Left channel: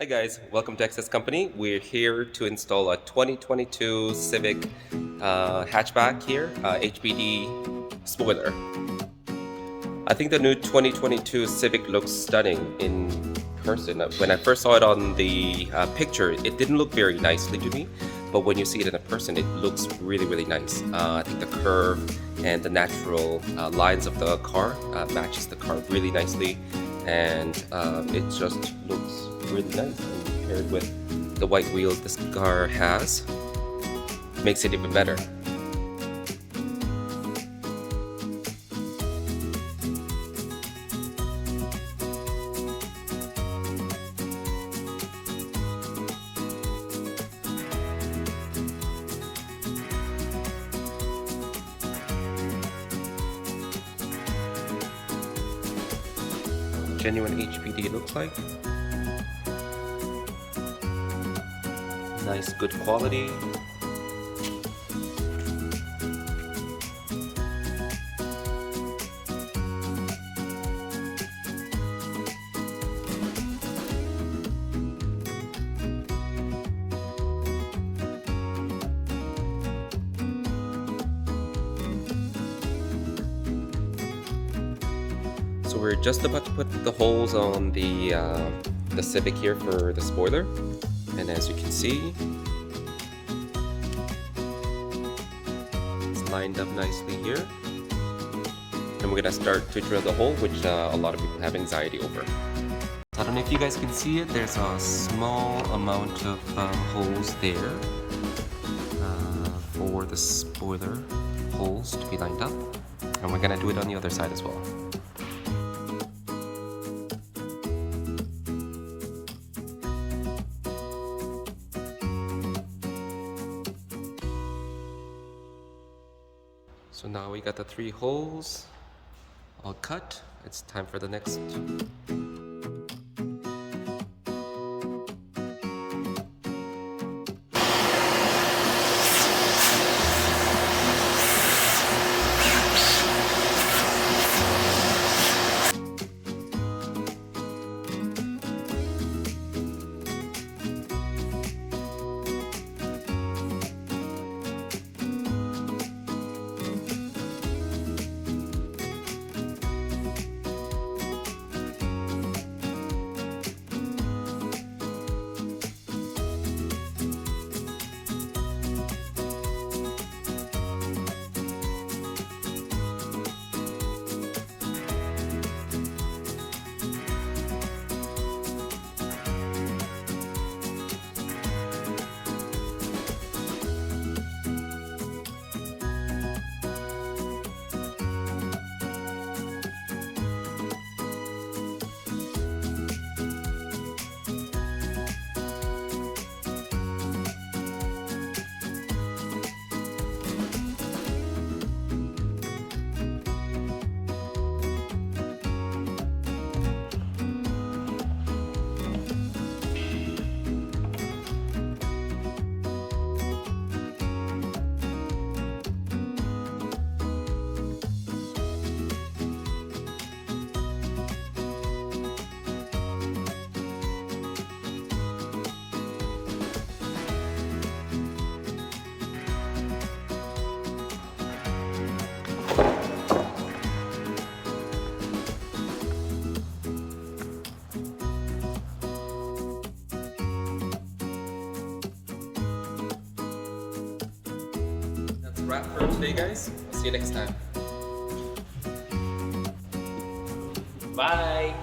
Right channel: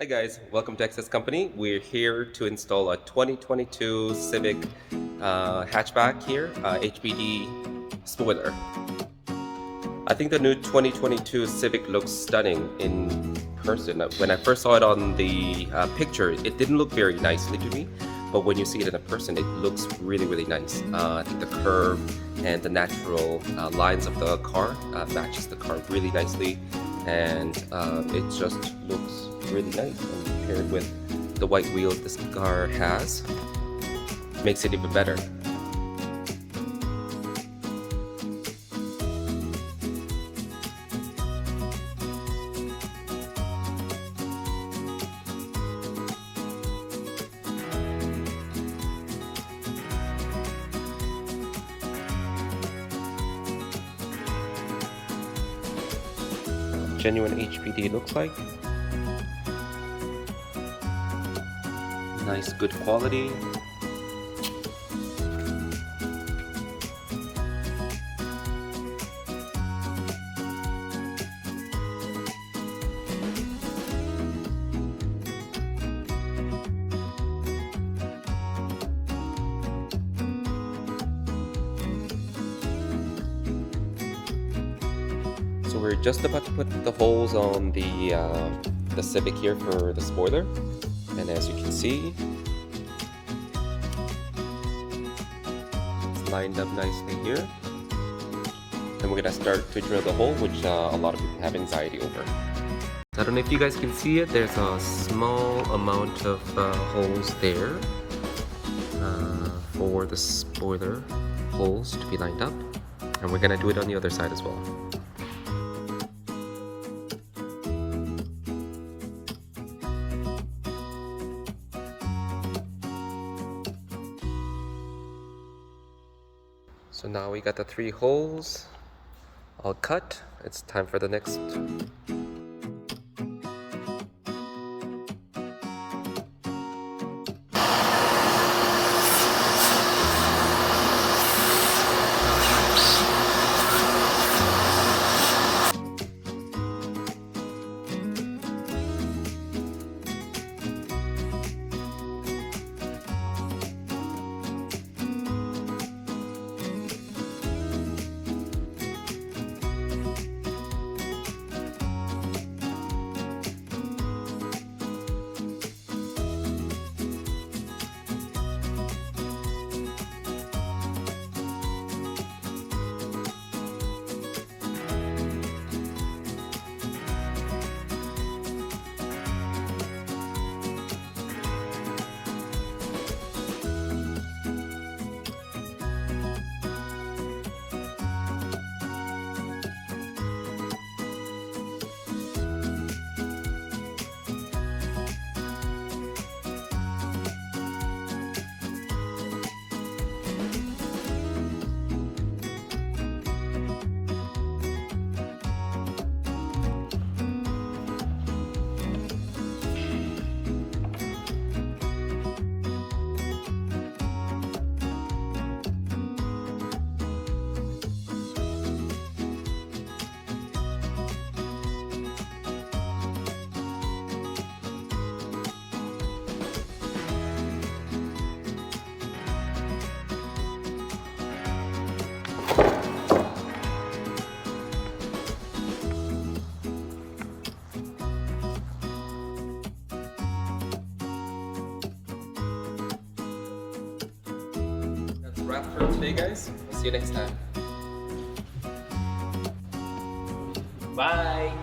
Hi guys, welcome to Access Company. We're here to install a 2022 Civic hatchback here, HPD spoiler. I think the new 2022 Civic looks stunning in person. When I first saw it on the picture, it didn't look very nicely to me, but when you see it in a person, it looks really nice. I think the curve and the natural lines of the car matches the car really nicely, and it just looks really nice, and paired with the white wheels this car has, makes it even better. Genuine HPD looks like. Nice, good quality. So we're just about to put the holes on the Civic here for the spoiler, and as you can see, it's lined up nicely here. And we're gonna start to drill the hole, which a lot of people have anxiety over. I don't know if you guys can see it. There's a small amount of holes there for the spoiler holes to be lined up, and we're gonna do it on the other side as well. So now we got the 3 holes all cut. It's time for the next. That's a wrap for today, guys. We'll see you next time. Bye.